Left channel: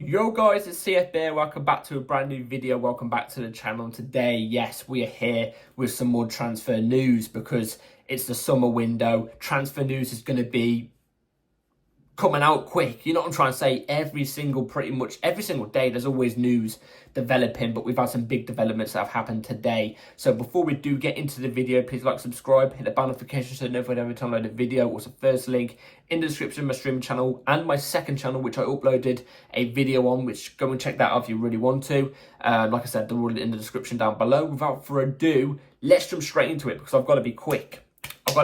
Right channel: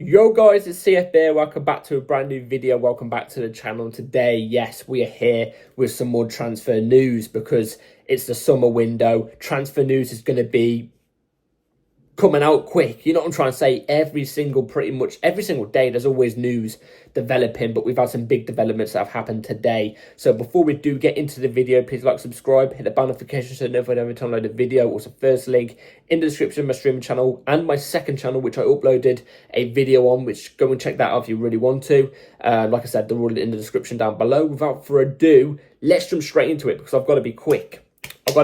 Yo guys, it's CFB. Welcome back to a brand new video. Welcome back to the channel. Today, yes, we are here with some more transfer news because it's the summer window. Transfer news is going to be coming out quick. You know what I'm trying to say? Pretty much every single day, there's always news developing, but we've had some big developments that have happened today. So before we do get into the video, please like, subscribe, hit the bell notification so you know every time I load a video. Also, first link in the description of my streaming channel and my second channel, which I uploaded a video on, which go and check that out if you really want to. Like I said, they're all in the description down below. Without further ado, let's jump straight into it because I've got to be quick. I've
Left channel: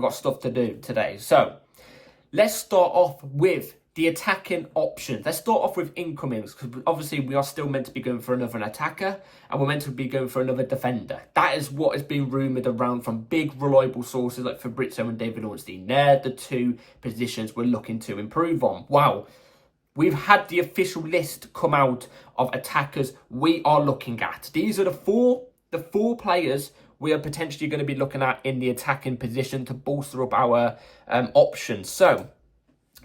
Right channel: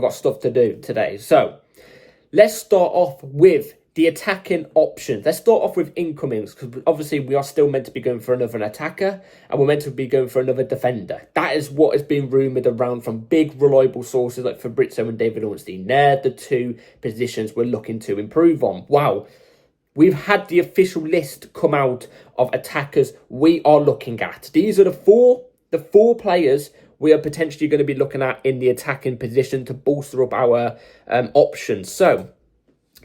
got stuff to do today. So let's start off with the attacking options. Let's start off with incomings because obviously we are still meant to be going for another attacker and we're meant to be going for another defender. That is what has been rumoured around from big reliable sources like Fabrizio and David Ornstein. They're the two positions we're looking to improve on. Wow. We've had the official list come out of attackers we are looking at. These are the four players we are potentially going to be looking at in the attacking position to bolster up our options. So,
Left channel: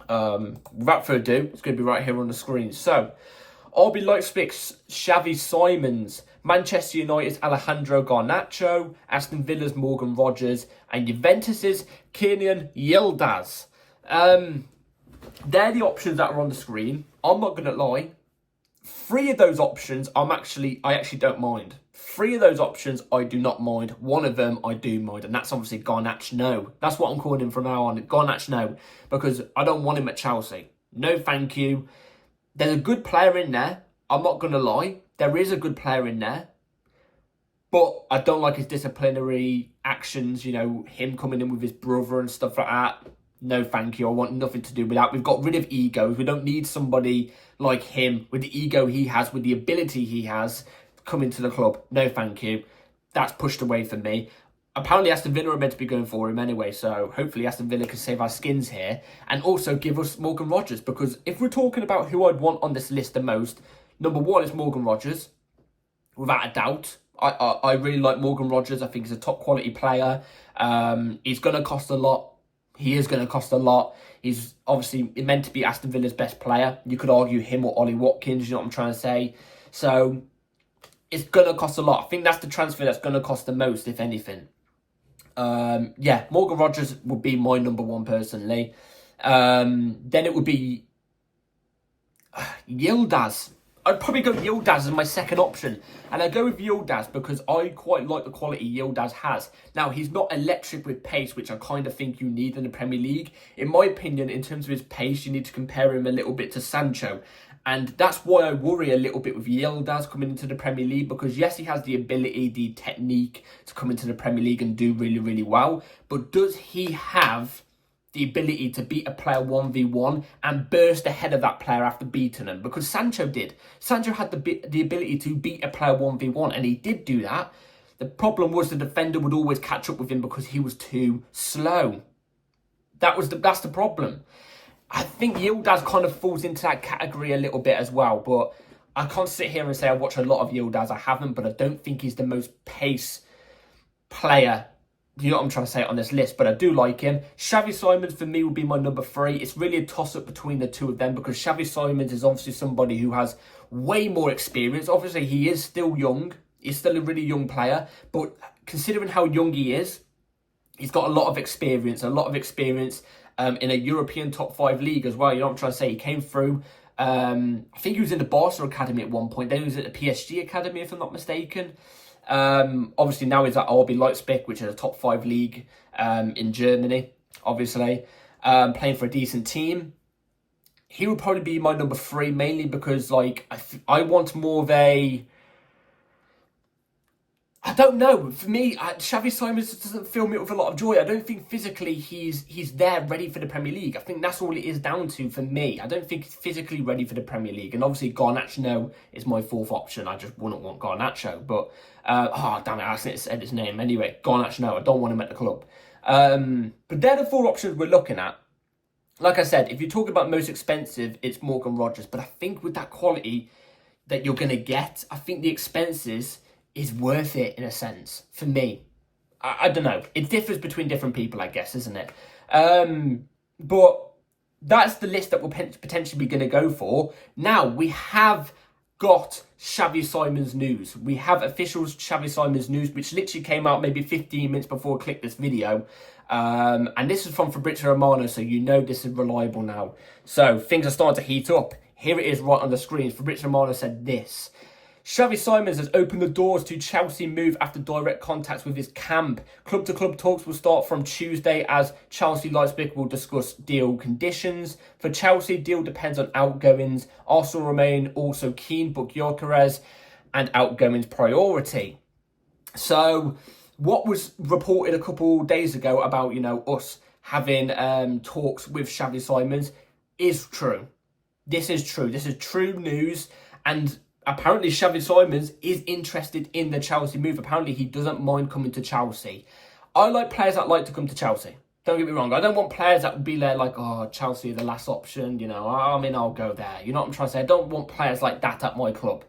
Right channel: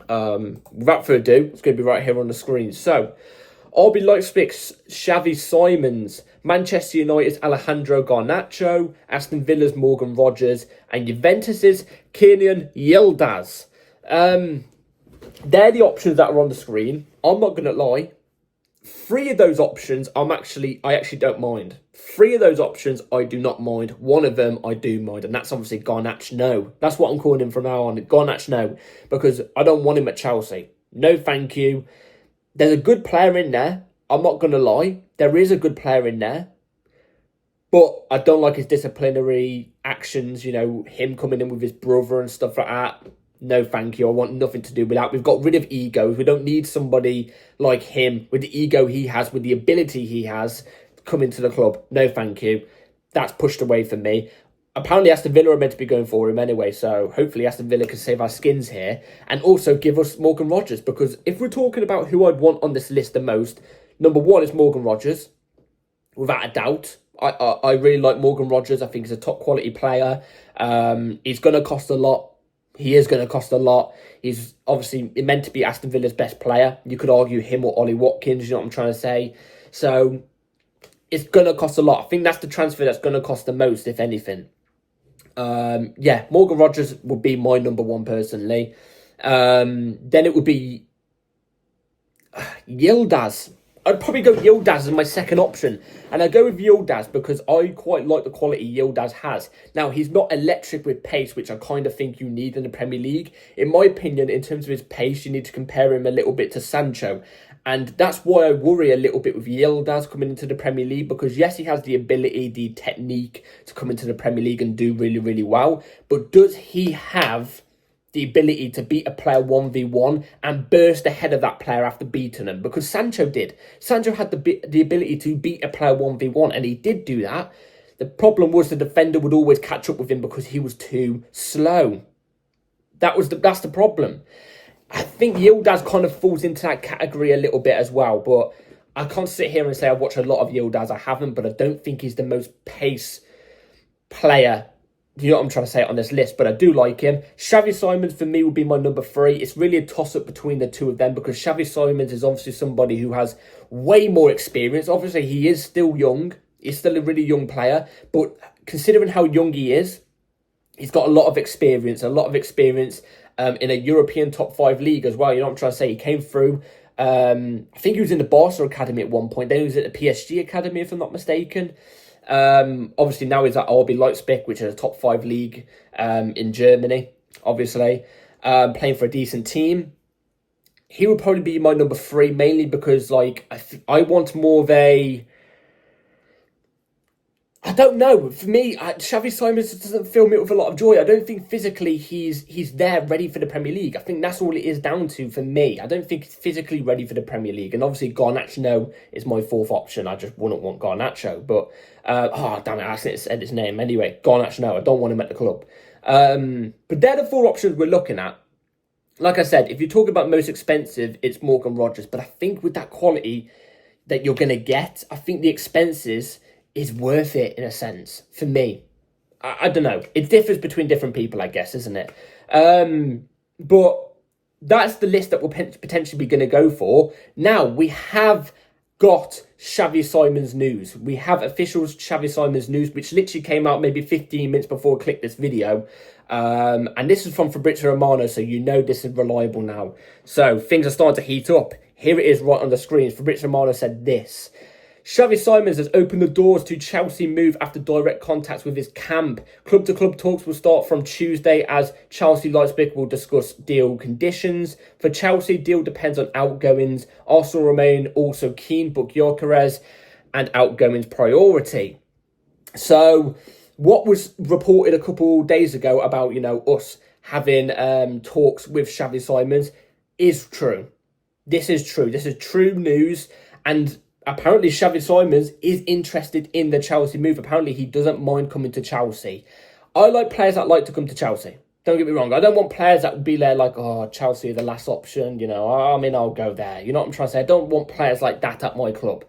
without further ado, it's going to be right here on the screen. So, RB Leipzig's Xavi Simons, Manchester United's Alejandro Garnacho, Aston Villa's Morgan Rogers, and Juventus's Kenan Yildiz. They're the options that are on the screen. I'm not going to lie. Three of those options, I actually don't mind. Three of those options, I do not mind. One of them, I do mind, and that's obviously Garnacho. That's what I'm calling him from now on, Garnacho, because I don't want him at Chelsea. No, thank you. There's a good player in there. I'm not going to lie. There is a good player in there, but I don't like his disciplinary actions, you know, him coming in with his brother and stuff like that. No, thank you. I want nothing to do with that. We've got rid of egos. We don't need somebody like him with the ego he has, with the ability he has, come into the club. No, thank you. That's pushed away from me. Apparently, Aston Villa are meant to be going for him anyway, so hopefully Aston Villa can save our skins here and also give us Morgan Rogers, because if we're talking about who I'd want on this list the most, number one is Morgan Rogers, without a doubt. I really like Morgan Rogers. I think he's a top quality player. He's going to cost a lot. He is going to cost a lot. He's obviously meant to be Aston Villa's best player. You could argue him or Ollie Watkins, you know what I'm trying to say. So it's going to cost a lot. I think that's the transfer that's going to cost the most, if anything. Yeah, Morgan Rogers would be my number one personally. Then it would be Yildiz. I'd probably go Yildiz as my second option. And I go with Yildiz because I quite like the quality Yildiz has. Now, he's not electric with pace, which I kind of think you need in the Premier League. In my opinion, in terms of his pace, you need to compare him a little bit to Sancho. And that's why I worry a little bit with Yildiz coming into the Premier League, because yes, he has the ability, the technique to come into the Premier League and do really, really well. But does he have the ability to beat a player 1v1 and burst ahead of that player after beating him? Because Sancho did. Sancho had the ability to beat a player 1v1, and he did do that. The problem was the defender would always catch up with him because he was too slow. That's the problem. I think Yildiz kind of falls into that category a little bit as well, but I can't sit here and say I watch a lot of Yildiz. I haven't, but I don't think he's the most pace player, you know what I'm trying to say, on this list, but I do like him. Xavi Simons for me would be my number three. It's really a toss-up between the two of them because Xavi Simons is obviously somebody who has way more experience. Obviously, he is still young. He's still a really young player, but considering how young he is, he's got a lot of experience in a European top 5 league as well. You know what I'm trying to say? He came through, I think he was in the Barca Academy at one point. Then he was at the PSG Academy, if I'm not mistaken. Obviously now he's at RB Leipzig, which is a top 5 league in Germany, obviously, playing for a decent team. He would probably be my number 3, mainly because like I want more of a, I don't know. For me, Xavi Simons doesn't fill me with a lot of joy. I don't think physically he's there ready for the Premier League. I think that's all it is down to for me. I don't think he's physically ready for the Premier League. And obviously Garnacho is my fourth option. I just wouldn't want Garnacho. But, oh, damn it, I said his name. Anyway, Garnacho, I don't want him at the club. But they're the 4 options we're looking at. Like I said, if you're talking about most expensive, it's Morgan Rogers. But I think with that quality that you're going to get, I think the expenses is worth it in a sense for me. I don't know. It differs between different people, I guess, isn't it? But that's the list that we're potentially be going to go for. Now, we have got Xavi Simons news. We have official Xavi Simons news, which literally came out maybe 15 minutes before I clicked this video. And this is from Fabrizio Romano, so you know this is reliable now. So things are starting to heat up. Here it is right on the screen. Fabrizio Romano said this. Xavi Simons has opened the doors to Chelsea move after direct contacts with his camp. Club-to-club talks will start from Tuesday as Chelsea Leipzig will discuss deal conditions. For Chelsea, deal depends on outgoings. Arsenal remain also keen, but Gyökeres and outgoings priority. So what was reported a couple days ago about, us having talks with Xavi Simons is true. This is true. This is true news. And apparently, Xavi Simons is interested in the Chelsea move. Apparently, he doesn't mind coming to Chelsea. I like players that like to come to Chelsea. Don't get me wrong. I don't want players that would be there like, oh, Chelsea are the last option. I'll go there. You know what I'm trying to say? I don't want players like that at my club.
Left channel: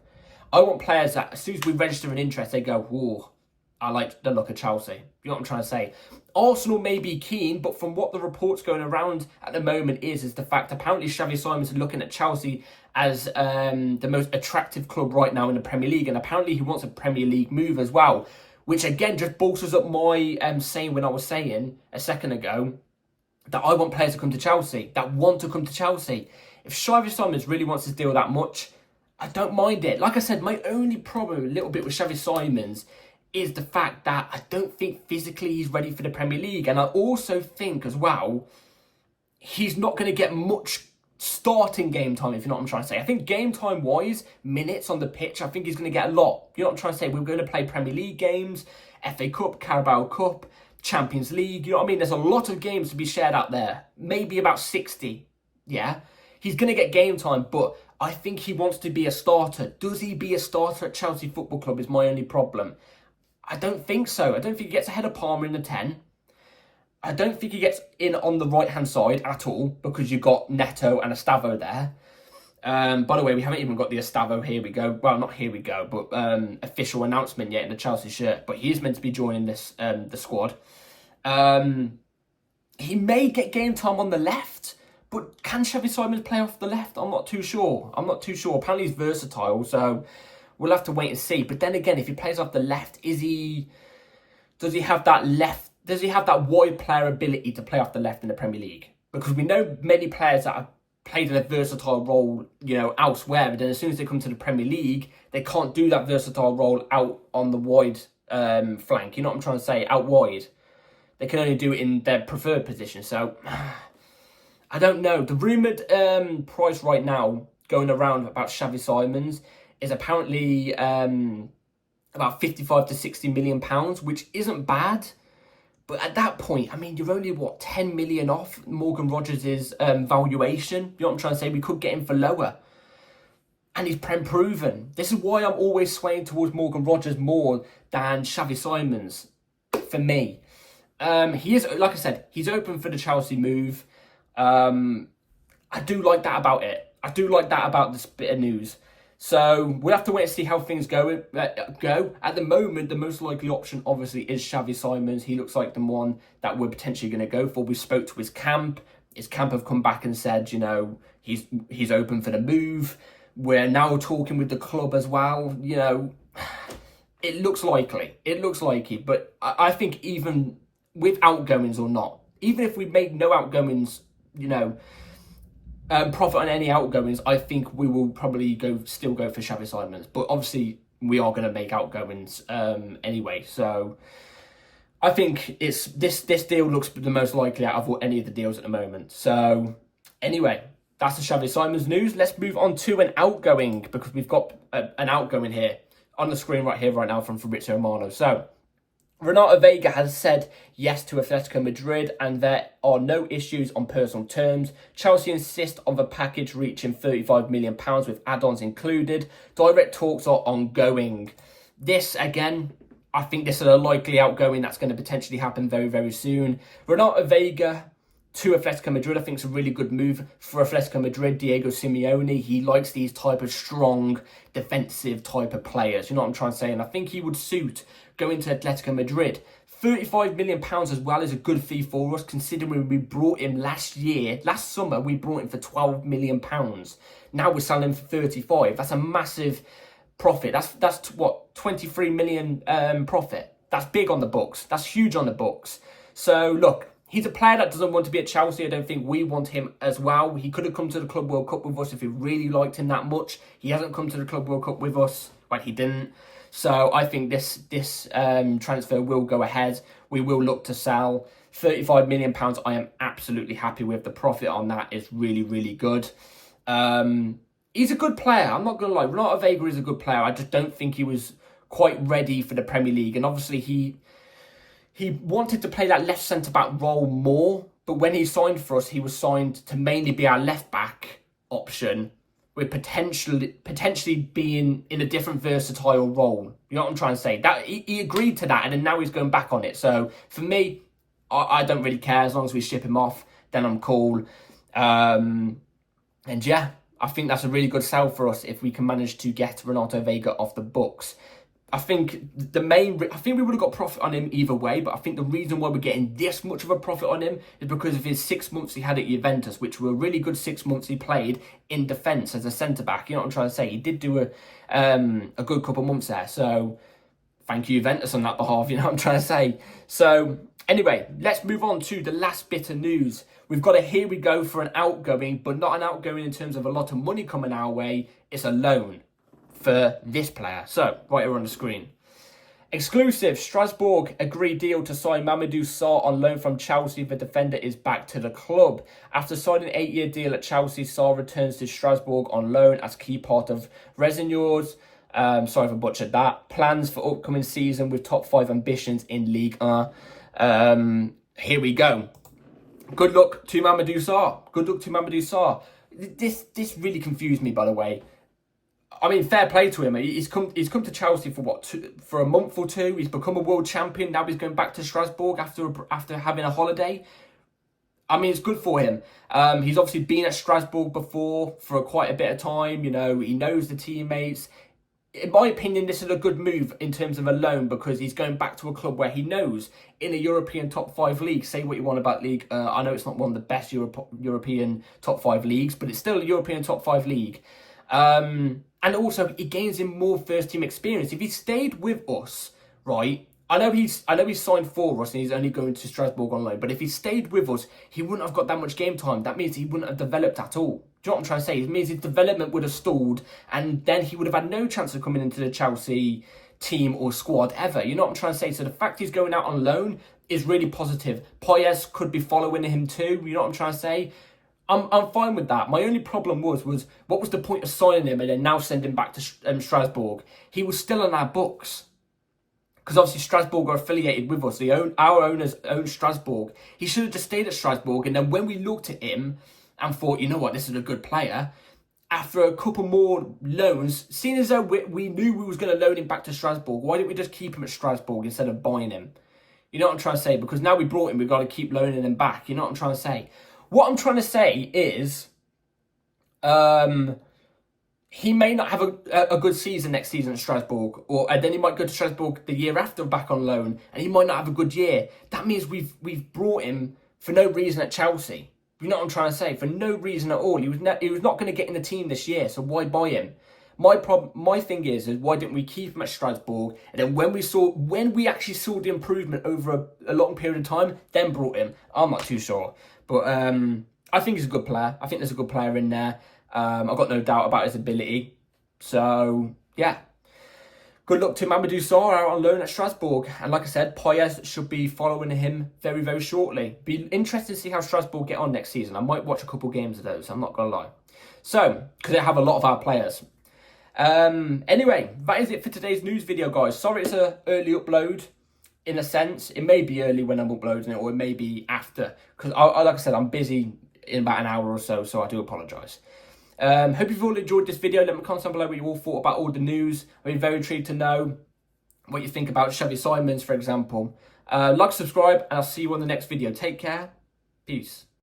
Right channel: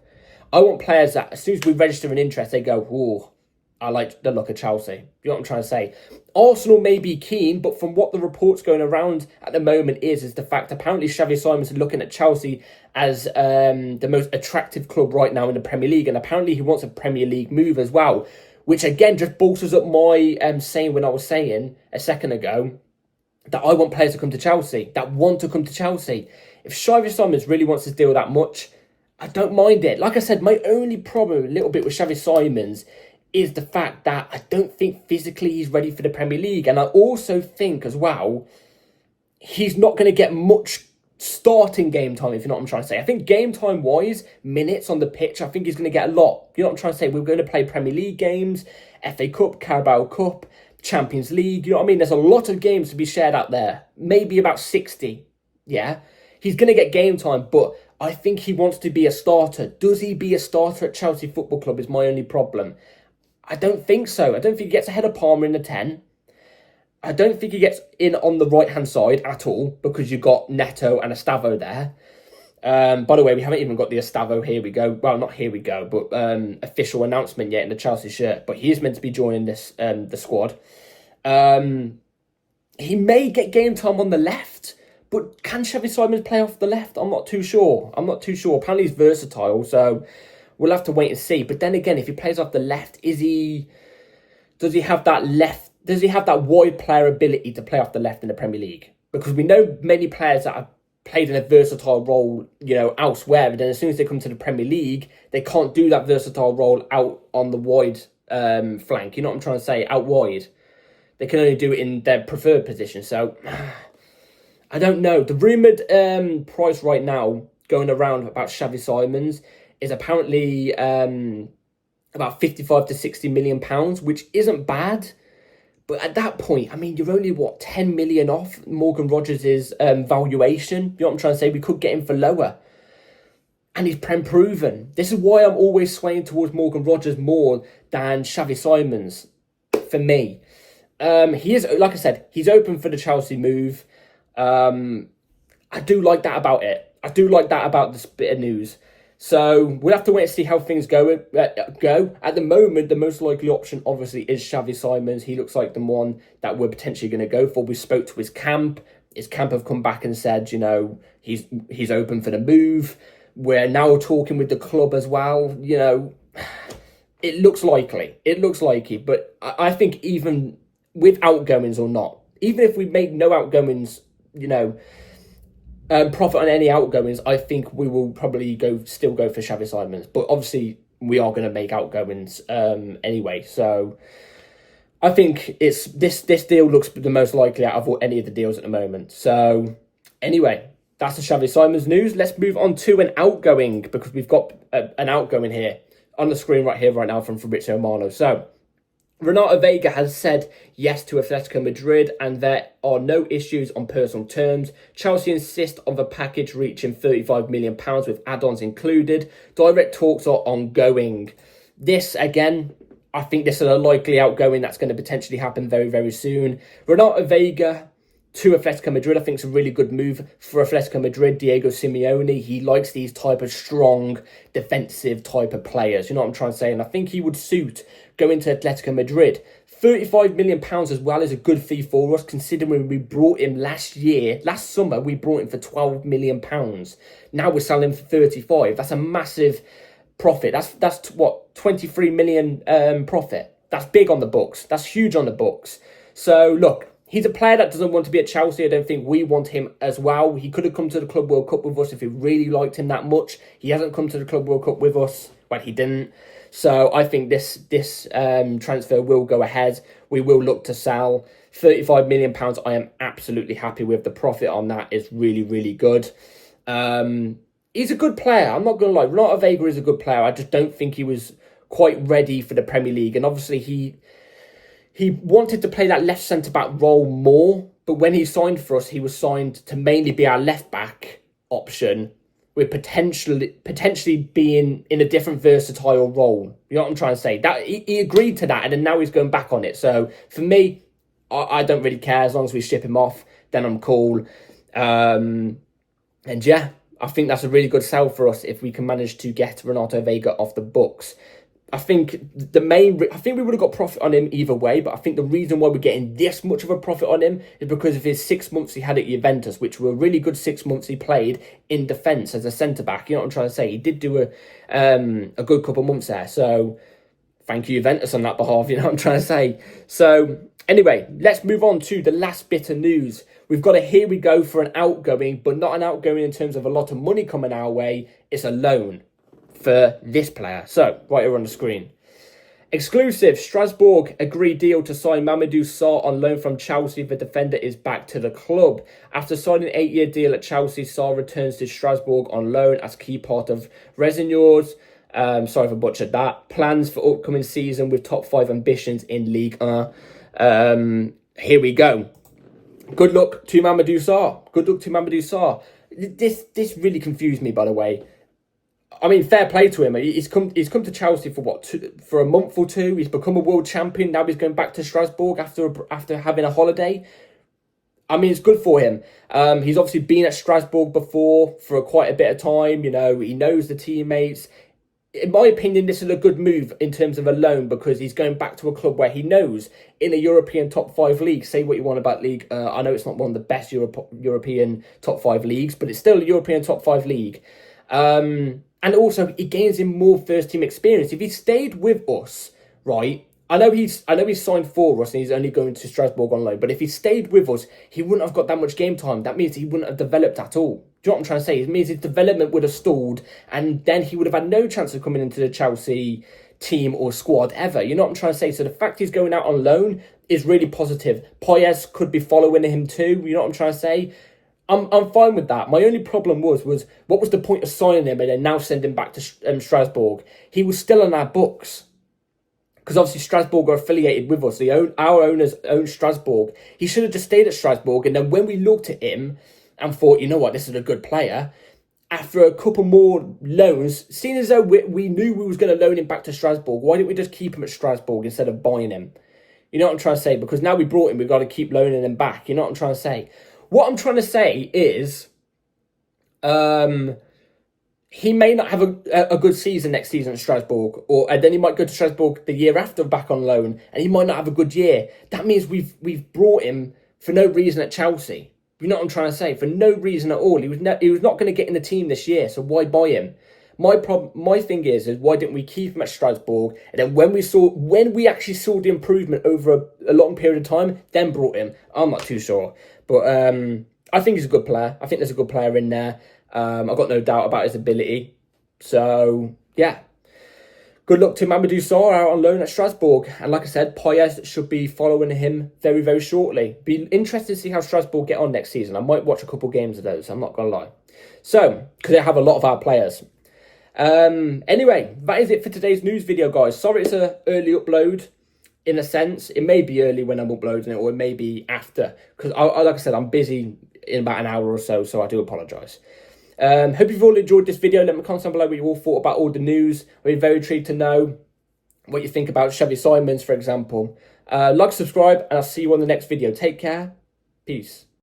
I want players that, as soon as we register an interest, they go, oh, I like the look of Chelsea. You know what I'm trying to say? Arsenal may be keen, but from what the reports going around at the moment is the fact apparently Xavi Simons is looking at Chelsea as the most attractive club right now in the Premier League. And apparently he wants a Premier League move as well, which again just bolsters up my saying when I was saying a second ago that I want players to come to Chelsea, that want to come to Chelsea. If Xavi Simons really wants to deal that much, I don't mind it. Like I said, my only problem a little bit with Xavi Simons is the fact that I don't think physically he's ready for the Premier League. And I also think as well, he's not going to get much starting game time, if you know what I'm trying to say. I think game time wise, minutes on the pitch, I think he's going to get a lot. You know what I'm trying to say? We're going to play Premier League games, FA Cup, Carabao Cup, Champions League. You know what I mean? There's a lot of games to be shared out there. Maybe about 60. Yeah. He's going to get game time, but I think he wants to be a starter. Does he be a starter at Chelsea Football Club is my only problem. I don't think so. I don't think he gets ahead of Palmer in the 10. I don't think he gets in on the right-hand side at all because you've got Neto and Estavo there. By the way, we haven't even got the Estavo, here we go. Well, not here we go, but official announcement yet in the Chelsea shirt. But he is meant to be joining this the squad. He may get game time on the left, but can Xavi Simons play off the left? I'm not too sure. Apparently he's versatile, so we'll have to wait and see. But then again, if he plays off the left, does he have that wide player ability to play off the left in the Premier League? Because we know many players that have played in a versatile role, elsewhere, but then as soon as they come to the Premier League, they can't do that versatile role out on the wide flank. You know what I'm trying to say? Out wide. They can only do it in their preferred position. So, I don't know. The rumoured price right now going around about Xavi Simons is apparently about 55 to 60 million pounds, which isn't bad. But at that point, I mean, you're only, 10 million off Morgan Rogers' valuation. You know what I'm trying to say? We could get him for lower. And he's proven. This is why I'm always swaying towards Morgan Rogers more than Xavi Simons, for me. He is, like I said, he's open for the Chelsea move. I do like that about it. I do like that about this bit of news. So we'll have to wait and see how things go. At the moment, the most likely option, obviously, is Xavi Simons. He looks like the one that we're potentially going to go for. We spoke to his camp. His camp have come back and said, he's open for the move. We're now talking with the club as well. It looks likely. But I think even with outgoings or not, even if we made no outgoings, profit on any outgoings, I think we will probably still go for Xavi Simons. But obviously, we are going to make outgoings anyway. So I think it's this deal looks the most likely out of any of the deals at the moment. So anyway, that's the Xavi Simons news. Let's move on to an outgoing, because we've got an outgoing here on the screen right now from Fabrizio Romano. So Renato Veiga has said yes to Atletico Madrid and there are no issues on personal terms. Chelsea insist on the package reaching £35 million with add-ons included. Direct talks are ongoing. This, again, I think this is a likely outgoing that's going to potentially happen very, very soon. Renato Veiga to Atletico Madrid, I think, is a really good move for Atletico Madrid. Diego Simeone, he likes these type of strong, defensive type of players. You know what I'm trying to say? And I think he would suit going to Atletico Madrid. £35 million as well is a good fee for us, considering we brought him last summer, we brought him for £12 million. Now we're selling him for 35. That's a massive profit. That's what, 23 million profit. That's big on the books. That's huge on the books. So look, he's a player that doesn't want to be at Chelsea. I don't think we want him as well. He could have come to the Club World Cup with us if we really liked him that much. He hasn't come to the Club World Cup with us. Well, he didn't. So I think this transfer will go ahead. We will look to sell. £35 million, I am absolutely happy with. The profit on that is really, really good. He's a good player. I'm not going to lie. Renato Veiga is a good player. I just don't think he was quite ready for the Premier League. And obviously he wanted to play that left centre-back role more. But when he signed for us, he was signed to mainly be our left-back option, with potentially being in a different versatile role. You know what I'm trying to say? That he agreed to that, and then now he's going back on it. So for me, I don't really care. As long as we ship him off, then I'm cool. And yeah, I think that's a really good sell for us if we can manage to get Renato Veiga off the books. I think we would have got profit on him either way, but I think the reason why we're getting this much of a profit on him is because of his 6 months he had at Juventus, which were really good 6 months he played in defence as a centre-back. You know what I'm trying to say? He did do a good couple of months there. So thank you, Juventus, on that behalf. You know what I'm trying to say? So anyway, let's move on to the last bit of news. We've got a here we go for an outgoing, but not an outgoing in terms of a lot of money coming our way. It's a loan for this player. So, right here on the screen. Exclusive, Strasbourg agreed deal to sign Mamadou Sarr on loan from Chelsea. The defender is back to the club. After signing an 8-year deal at Chelsea, Sarr returns to Strasbourg on loan as key part of Resignor's, sorry if I butchered that, plans for upcoming season with top 5 ambitions in Ligue 1. Here we go. Good luck to Mamadou Sarr. Good luck to Mamadou Sarr. This really confused me, by the way. I mean, fair play to him. He's come to Chelsea for what, for a month or two. He's become a world champion. Now he's going back to Strasbourg after having a holiday. I mean, it's good for him. He's obviously been at Strasbourg before for quite a bit of time. You know, he knows the teammates. In my opinion, this is a good move in terms of a loan, because he's going back to a club where he knows in a European top 5 league. Say what you want about league. I know it's not one of the best European top 5 leagues, but it's still a European top 5 league. And also, it gains him more first-team experience. If he stayed with us, right, I know he's signed for us and he's only going to Strasbourg on loan, but if he stayed with us, he wouldn't have got that much game time. That means he wouldn't have developed at all. Do you know what I'm trying to say? It means his development would have stalled, and then he would have had no chance of coming into the Chelsea team or squad ever. You know what I'm trying to say? So the fact he's going out on loan is really positive. Poyes could be following him too. You know what I'm trying to say? I'm fine with that. My only problem was what was the point of signing him and then now sending him back to Strasbourg? He was still on our books, because obviously Strasbourg are affiliated with us. Our owners own Strasbourg. He should have just stayed at Strasbourg, and then when we looked at him and thought, you know what, this is a good player, after a couple more loans, seeing as though we knew we was going to loan him back to Strasbourg, why didn't we just keep him at Strasbourg instead of buying him? You know what I'm trying to say? Because now we brought him, we've got to keep loaning him back. You know what I'm trying to say? What I'm trying to say is, he may not have a good season next season at Strasbourg, and then he might go to Strasbourg the year after back on loan, and he might not have a good year. That means we've brought him for no reason at Chelsea. You know what I'm trying to say? For no reason at all. He was not going to get in the team this year, so why buy him? My thing is why didn't we keep him at Strasbourg, and then when we actually saw the improvement over a long period of time, then brought him? I'm not too sure. But I think he's a good player. I think there's a good player in there. I've got no doubt about his ability. So, yeah. Good luck to Mamadou Sarr out on loan at Strasbourg. And like I said, Poyes should be following him very, very shortly. Be interested to see how Strasbourg get on next season. I might watch a couple games of those, I'm not going to lie. So, because they have a lot of our players. Anyway, that is it for today's news video, guys. Sorry it's an early upload. In a sense, it may be early when I'm uploading it, or it may be after. Because, like I said, I'm busy in about an hour or so I do apologise. Hope you've all enjoyed this video. Let me comment down below what you all thought about all the news. I'd be very intrigued to know what you think about Xavi Simons, for example. Like, subscribe, and I'll see you on the next video. Take care. Peace.